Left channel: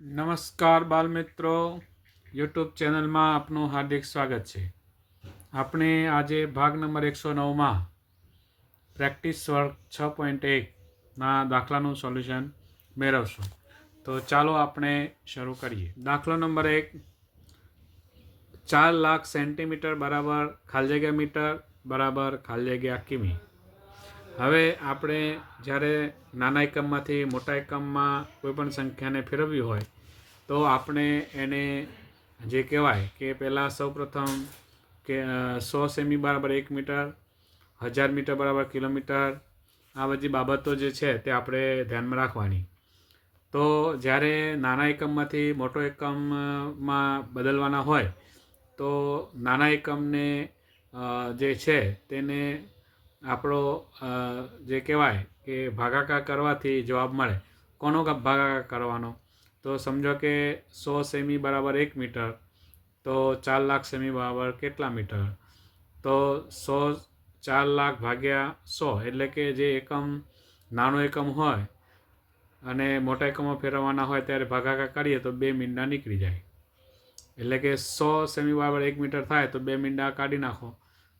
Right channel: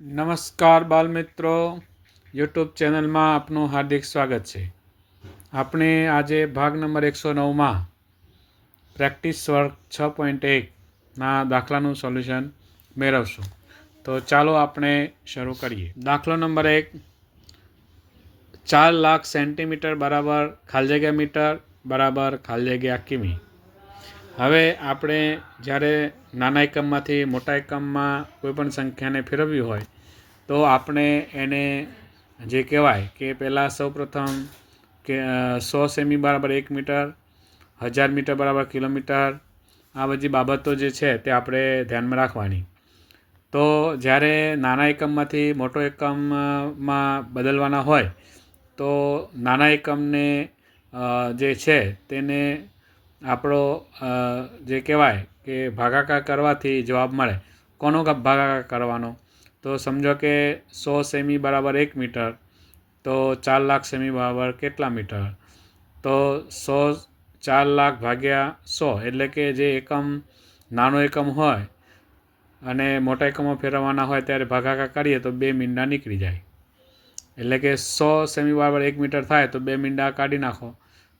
નમસ્કાર બાલમિત્રો, યુટ્યુબ ચેનલમાં આપનું હાર્દિક સ્વાગત છે. આપણે આજે ભાગ નંબર 109માં પ્રેક્ટિસ વર્ક 6.1ના દાખલાનું સોલ્યુશન મેળવશું. તો ચાલો આપણે શરૂ કરીએ. દાખલો નંબર 1, 4 લાખ સેન્ટીમીટર બરાબર ખાલી જગ્યા મીટર બરાબર ખાલી જગ્યા કિમી. હવે આપણે જ્યારે નાના એકમમાંથી મોટા એકમમાં કોઈપણ સંખ્યાને ફેરવવી હોય તો આપણે એને જે કહેવાય કે પહેલાં સૌપ્રથમ કે 100 સેમી બરાબર 1 મીટર, 1000 મીટર બરાબર કિલોમીટર, આ બધી બાબતો જે છે તે આપણે ધ્યાનમાં રાખવાની. તો જ્યારે નાના એકમમાંથી મોટો એકમમાં બદલવાના હોય તો નાના એકમને જે છે તેને આપણો જે કહેવાય કે ભાગાકાર કરવાથી જવાબ મળે. કોનો ભાગાકાર કરવાનો? તો સમજો કે 100 સેમી બરાબર 1 મીટર, તો 4 લાખ સેમી બરાબર કેટલા મીટર? તો 4 લાખ ભાગ્યા 100, એટલે કે જે એકમ નાનો એકમ હોય અને મોટા એકમમાં ફેરવવાના હોય ત્યારે ભાગાકાર કરીએ તો 2 મીંડા નીકળી જાય. એટલે કે 100 સેમી બરાબર 1 મીટર થાય તો 2 મીંડા કાઢી નાખો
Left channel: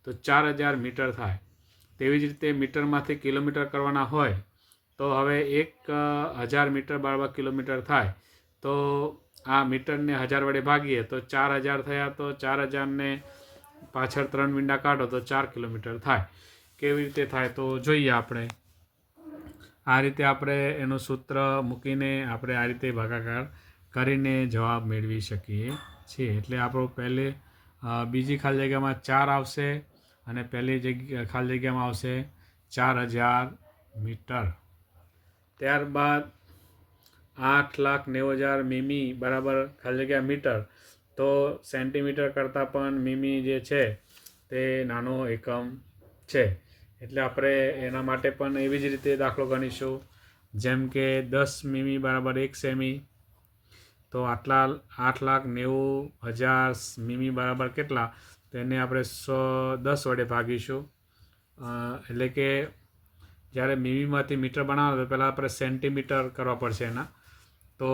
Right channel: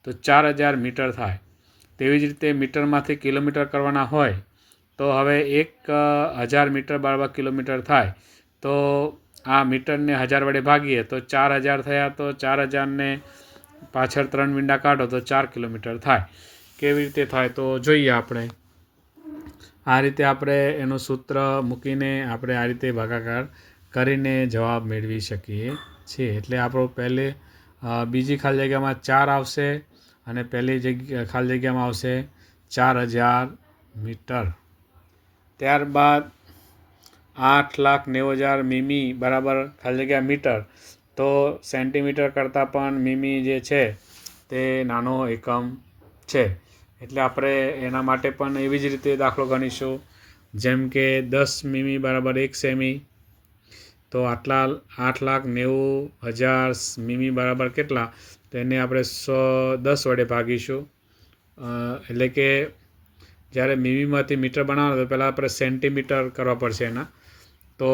તો 4000 મીટર થાય. તેવી જ રીતે મીટરમાંથી કિલોમીટર કરવાના હોય તો હવે 1000 મીટર બરાબર કિલોમીટર થાય. તો આ મીટરને 1000 વડે ભાગીએ તો 4000 થયા, તો 4000ને પાછળ 3 મીંડા કાઢો તો 4 કિલોમીટર થાય. કેવી રીતે થાય તો જોઈએ આપણે. આ રીતે આપણે એનું સૂત્ર મૂકીને આપણે આ રીતે ભાગાકાર કરીને જવાબ મેળવી શકીએ છીએ. એટલે આપણો પહેલે બીજી ખાલી જગ્યામાં 4 આવશે અને પહેલી ખાલી જગ્યામાં આવશે 4000 મીટર. ત્યારબાદ 8,90,000 મીમી બરાબર ખાલી જગ્યા મીટર. તો સેન્ટીમીટર કરતાં પણ મીમી જે છે તે નાનો એકમ છે. એટલે આપણે એના માટે પણ એવી જ રીતે દાખલો ગણીશું. જેમ કે 10 મીમી બરાબર 1 સેમી. તો 8,90,000 મીમી બરાબર કેટલા? તેને આપણે 10 વડે ભાગીશું. એટલે કે જ્યારે મીમીમાંથી મીટર બનાવવાનો તો પહેલાં આપણે સેન્ટીમીટર કરવા પડશે એના. તો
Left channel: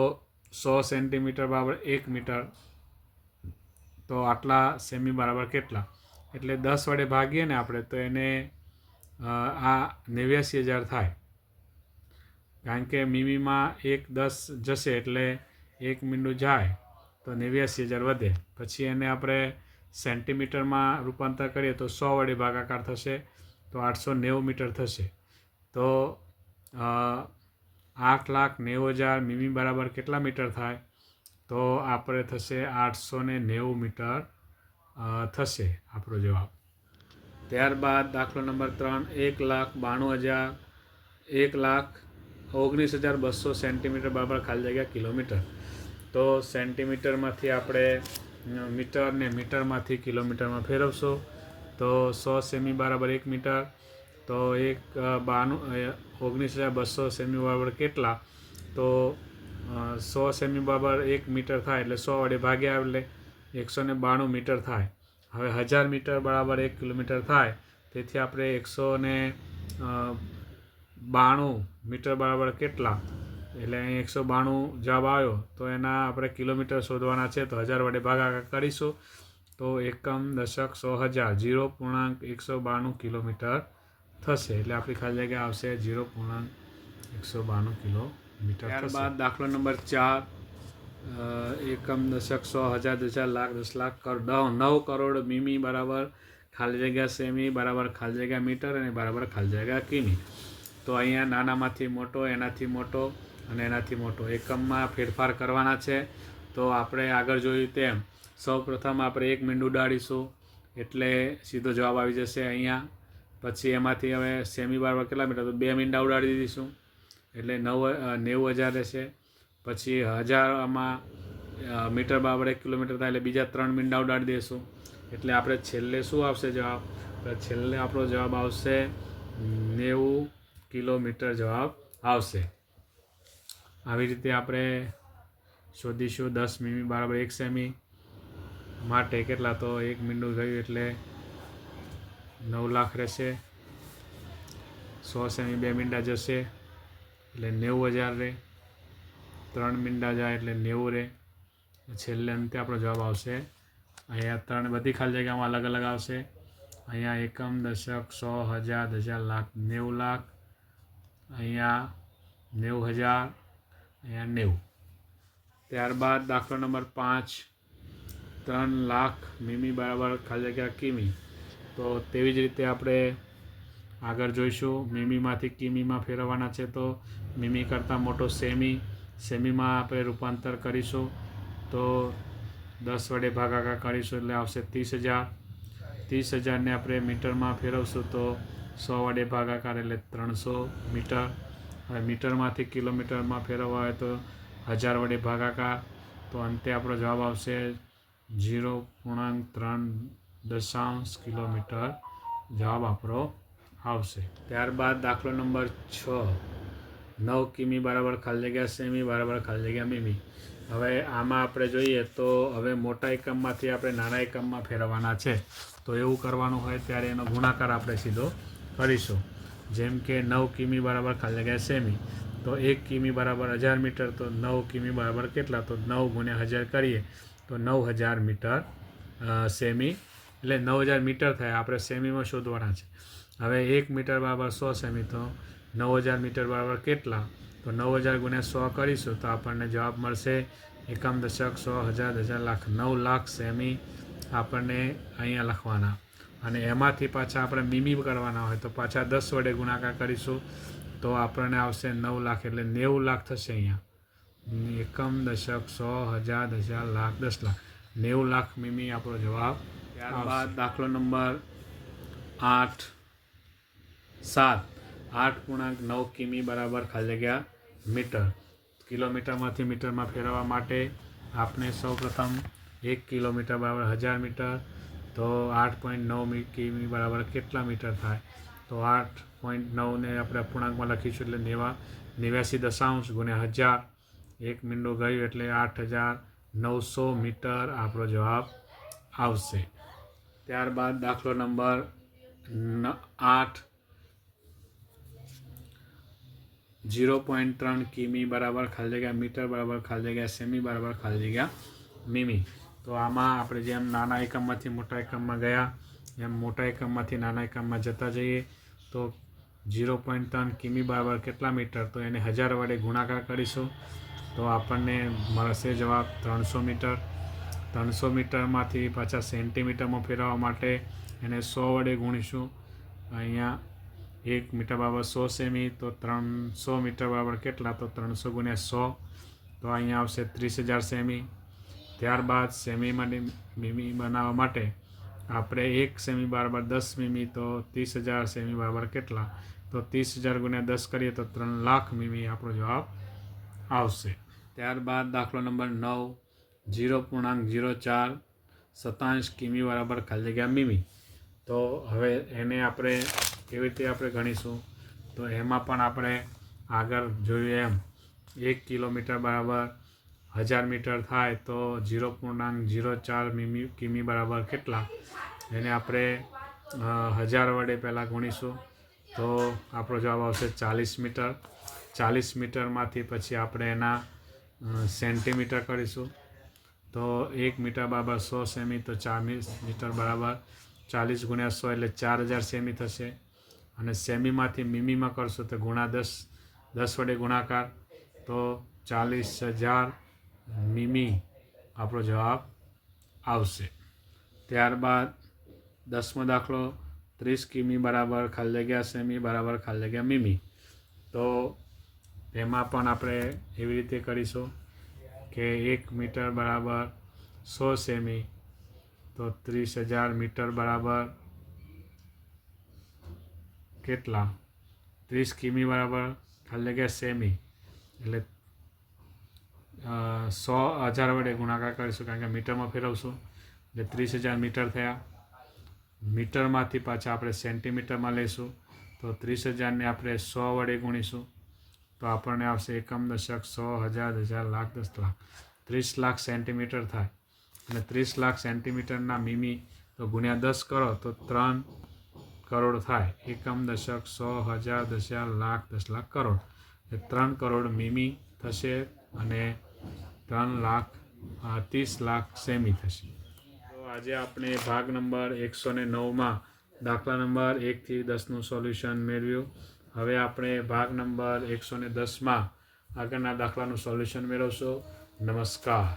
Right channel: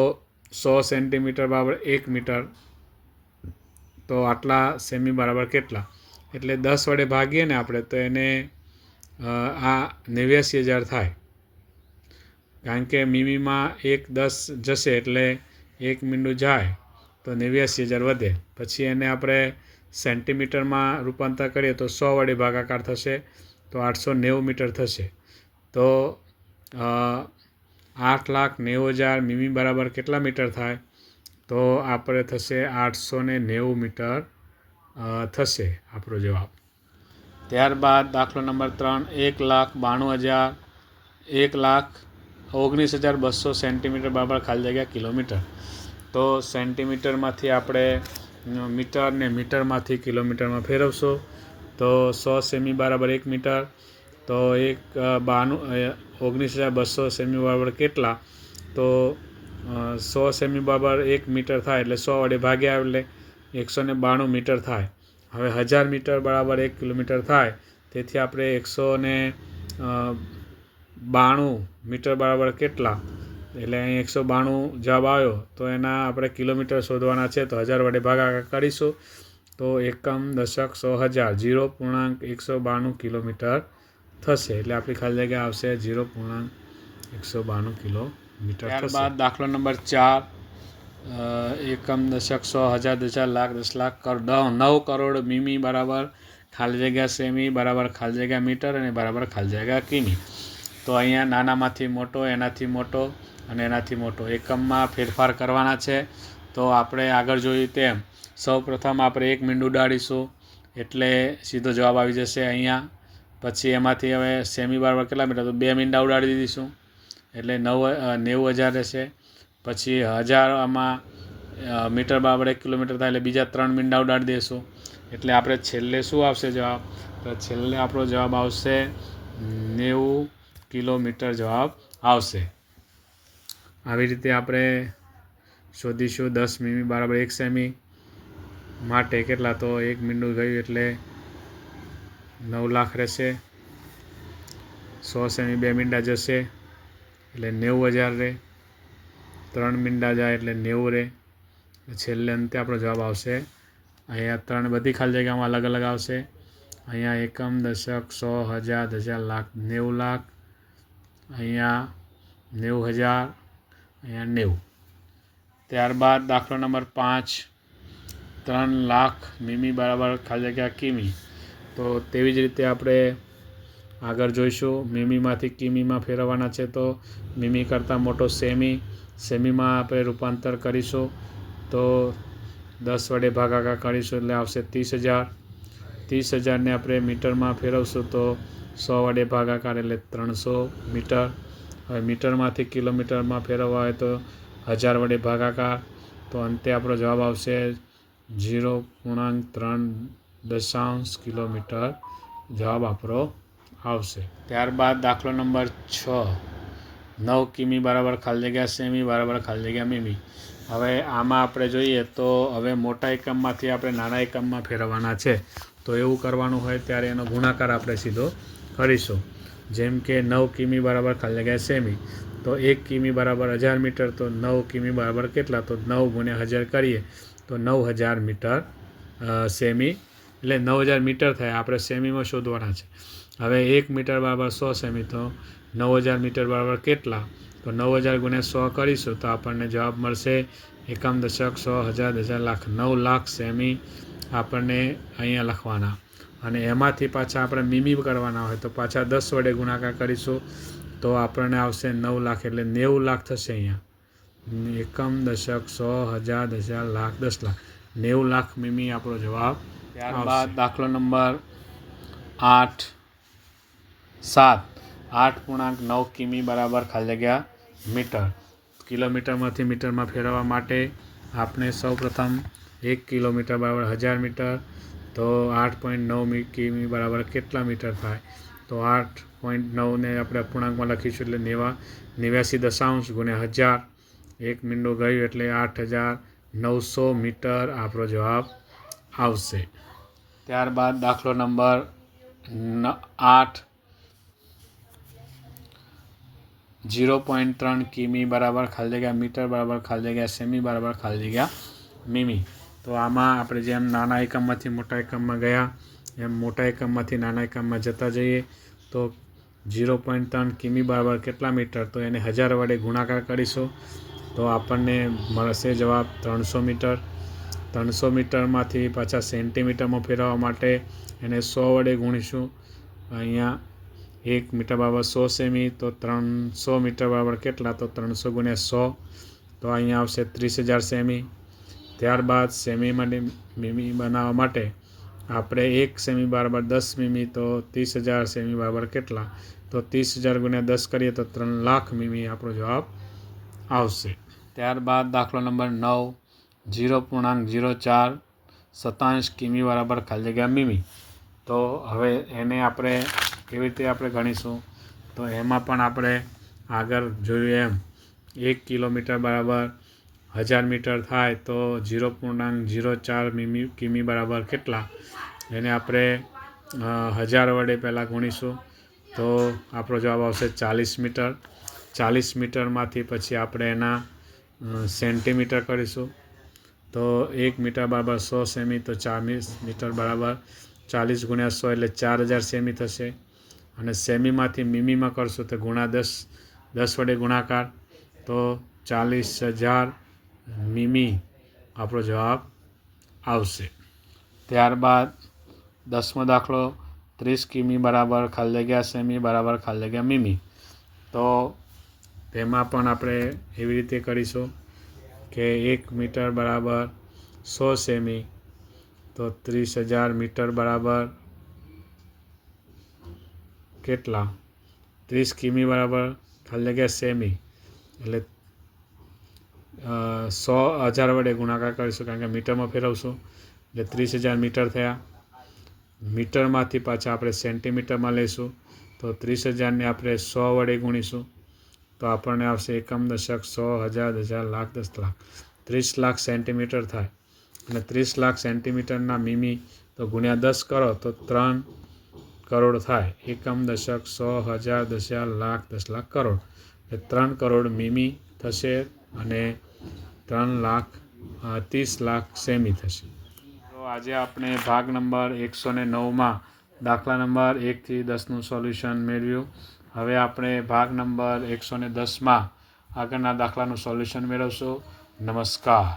100 સેન્ટીમીટર બરાબર 1 મીટર. તો આટલા સેમી બરાબર કેટલા? એટલે 10 વડે ભાગીએ ને આપણે તો એને આ 89,000 થાય. કારણ કે મીમીમાં 10 જશે એટલે 1 મીંડું જાય તો 89,000 વધે. પછી એને આપણે સેન્ટીમીટરમાં રૂપાંતર કરીએ તો 100 વડે ભાગાકાર થશે તો 890 મીટર થશે. તો 8,90,000 મીમી બરાબર કેટલા મીટર થાય? તો આપણે થશે 890 મીટર થશે આપણો જવાબ. ત્યારબાદ દાખલો નંબર 3, 1,19,200 સેન્ટીમીટર બરાબર ખાલી જગ્યા કિલોમીટર. તો સેન્ટીમીટરમાંથી આપણે મીટર ને મીટરમાંથી કિલોમીટરમાં ફેરવશું. તો 100 સેમી બરાબર 1 મીટર. તો 19,200 સેમી બરાબર કેટલા? તો 100 સેમી બરાબર 1 મીટર થાય એટલે 100 વડે ભાગ્યા એટલે 192 મીટર થાય. હવે 1000 મીટર બરાબર 1 કિલોમીટર થાય. તેથી આપણે 192 મીટર બરાબર કેટલા? એટલે અહીં 192 જવાબ આવ્યો. તો એના આપણે કિલોમીટર શોધવાના છે તો 1000 વડે ભાગાકાર કરીશું. તો એકમ, દશક, 100, 0.192 કિલોમીટર થશે. એટલે આપણી ખાલી જગ્યા આવશે 0.192 કિલોમીટર. ત્યારબાદ દાખલો નંબર 4, એકમ, દશક, 100, 1000, 1000, લાખ, 10 લાખ, 9 કરોડ મીમી બરાબર ખાલી જગ્યા સેમી બરાબર ખાલી જગ્યા મીટર અને બરાબર ખાલી જગ્યા કિમી. તો અહીંયા નાનામાંથી મોટો, એનાથી મોટો અને એનાથી મોટો એકમમાં ફેરફાર કરવાના છે. તો આપણે આગળ જોયું તેમ સૌપ્રથમ આપણે 1 મીંડું ઉડાડીશું એટલે સીધો જવાબ આવી જશે અહીંયા. પછી એમાંથી હવે સેમી બરાબર કેટલા મીટર? તો 2 મીંડા ઉડાડી દઈશું એટલે 90,000 રહેશે. પછી 1000 આમાં મીટર બરાબર 1 કિલોમીટર થાય એટલે બીજા 3 મીંડા ઉડાડી દઈશું. એટલે આપણે છેલ્લે શું આવશે જવાબ? તો છેલ્લે આપણો જવાબ આવશે 90 કિલોમીટર જવાબ આવશે. આવી રીતે આપણે શોધીશું. 10 મીમી બરાબર 1 સેમી માટે કેટલા? તો 1 મીંડું ગયું એટલે 9 લાખ રહેશે. 100 સેમી 2 મીંડા જશે એટલે 90,000 રહે. 3 મીંડા જાય એટલે 90 રહે. છેલ્લે અંતે આપણો જવાબ આવશે અહીંયા 3 બધી ખાલી જગ્યામાં અલગ અલગ આવશે. અહીંયા એકમ, દશક, 100, 1000, દશક, લાખ, 90 લાખ, અહીંયા 90,000, અહીંયા 90. ત્યારબાદ દાખલો નંબર 5, 3 લાખ મીમી બરાબર ખાલી જગ્યા કિમી. તો તેવી જ રીતે આપણે આગળ જોઈશું. મીમીમાંથી કિમીમાં ફેરવવાના છે તો મીમી કરતાં મોટો સેમી, સેમીમાં આપણે રૂપાંતર કરીશું તો 10 વડે ભાગાકાર કરીશું એટલે આવશે 30,000. 30,000ને આપણે મીટરમાં ફેરવશું તો 100 વડે ભાગાકાર એટલે 300 મીટર. હવે મીટરમાંથી કિલોમીટરમાં ફેરવવા હોય તો 1000 વડે ભાગાકાર, તો અંતે આપણો જવાબ આવશે 0.3 કિલોમીટર જવાબ આપણો આવશે. ત્યારબાદ દાખલો નંબર 6, 9 કિમી બરાબર ખાલી જગ્યા સેમી બરાબર ખાલી જગ્યા મીમી. હવે આમાં આપણે જોઈએ તો હવે મોટા એકમમાંથી આપણે નાના એકમમાં ફેરવવાના છે. તો એવું કરવાનું હોય ત્યારે એનો ગુણાકાર આપણે સીધો કરીશું. જેમ કે 9 કિમી બરાબર ખાલી જગ્યા સેમી, તો 1 કિમી બરાબર 1000 મીટર, તો 9 કિમી બરાબર કેટલા, તો 9 ગુણ્યા 1000 કરીએ તો 9000 મીટર સેમી એટલે 9000 મીટર થાય. આપણે સેમીમાં શોધવાના છે. હવે 1 મીટર બરાબર 100 સેમી, તો 9000 મીટર બરાબર કેટલા, તો 9000 ગુણ્યા 100 કરીશું તો આપણને જવાબ મળશે એકમ, દશક, 100, 1000, દશક, લાખ, 9 લાખ સેમી આપણને અહીંયા લખવાના. અને એમાંથી પાછા આપણે મીમી કરવાના હોય તો પાછા 10 વડે ગુણાકાર કરીશું તો આપણને આવશે 9 લાખ એટલે 90 લાખ થશે. અહીંયા એકમ, દશક, 100, 1000, દશક, લાખ, 10 લાખ, 90 લાખ મીમી આપણો જવાબ. ત્યારબાદ દાખલો નંબર 8, 8.9 કિમી બરાબર ખાલી જગ્યા મીટર. કિલોમીટરમાંથી મીટરમાં ફેરવવા માટે આપણે સૌપ્રથમ 1 કિલોમીટર બરાબર 1000 મીટર, તો 8.9 કિમી બરાબર કેટલા મીટર થાય, તો 8.9ને આપણે અપૂર્ણાંકમાં લખીશું એટલે 89 ગુણ્યા 1000, 1 મીંડું ગયું એટલે 8900 મીટર આપણો જવાબ આવશે. ત્યારબાદ દાખલો નંબર 8, 0.3 કિમી બરાબર ખાલી જગ્યા મીટર બરાબર ખાલી જગ્યા સેમી બરાબર ખાલી જગ્યા મીમી. તો આમાં આપણે જેમ નાના એકમમાંથી મોટા એકમમાં ગયા એમ મોટા એકમમાંથી નાના એકમમાં જતા જઈએ તો 0.3 કિમી બરાબર કેટલા મીટર, તો એને 1000 વડે ગુણાકાર કરીશું તો આપણને મળશે જવાબ 300 મીટર. 300 મીટરમાંથી પાછા સેન્ટીમીટરમાં ફેરવવા માટે એને 100 વડે ગુણીશું. અહીંયા 1 મીટર બરાબર 100 સેમી, તો 300 મીટર બરાબર કેટલા, તો 300 ગુણ્યા 100, તો અહીંયા આવશે 30,000 સેમી. ત્યારબાદ સેમી માટે મીમી બનાવવા માટે આપણે 1 સેમી બરાબર 10 મીમી, તો 30,000 સેમી બરાબર કેટલા, તો 30,000 ગુણ્યા 10 કરીએ તો 3 લાખ મીમી આપણો જવાબ આવશે. ત્યારબાદ દાખલો નંબર 9, 0.04 કિમી બરાબર ખાલી જગ્યા મીમી. તો હવે એને આપણે કેવી રીતે આપણે ગણીશું, તો એમાં પણ આપણે આગળ જોયું એમ 1 કિલોમીટર બરાબર 1000 મીટર થાય તો 0.04 કિમી બરાબર કેટલા, એને આપણે 1000 વડે પહેલાં ગુણીશું તો આપણો જવાબ આવશે 40 મીટર. 40 મીટરમાંથી પછી આપણે એના સેન્ટીમીટર કરીશું તો 1 મીટર બરાબર 100 સેમી, તો 40 મીટર બરાબર 40 ગુણ્યા 100 એટલે 4000 સેમી થશે. અને સેમીમાંથી મીમીમાં કરશું તો ગુણા 10 વડે ગુણાકાર તો 40,000 મીમી આપણો જવાબ આવશે. ત્યારબાદ 10મો દાખલો 30 કિમી બરાબર ખાલી જગ્યા સેમી બરાબર ખાલી જગ્યા મીમી. તો તેમાં પણ આપણે એવી રીતે કરીશું કે 1 મીટર બરાબર 100 સેમી, તો 30,000 મીટર બરાબર કેટલા, 30 કિમી બરાબર ખાલી જગ્યા સેમી એટલે 1000 વડે ગુણાકાર કરીશું કારણ કે મીટરમાં ફેરવશું એટલે 30,000 મીટર થયા. મીટરમાંથી પાછા આપણે સેન્ટીમીટરમાં લઈશું તો 30,000ને આપણે 100 વડે ગુણીશું તો આપણને આવશે એકમ, દશક, 100, 1000, દશક, લાખ, 10 લાખ, 30 લાખ સેન્ટીમીટર થાય. અને 30 લાખ સેન્ટીમીટરના મીમી તો ગુણ્યા 10 કરો તો 3 કરોડ થાય. એકમ, દશક, 100, 1000, દશક, લાખ, 10 લાખ, કરોડ એટલે 3 કરોડ મીમી થશે. અને 30,00,000 સેમી થશે. તો આજે આપણે ભાગ નંબર 109માં દાખલા નંબર 1 થી 10નું સોલ્યુશન મેળવ્યું. હવે આપણે ભાગ નંબર 110માં આગળના દાખલાનું સોલ્યુશન મેળવશું. નમસ્કાર.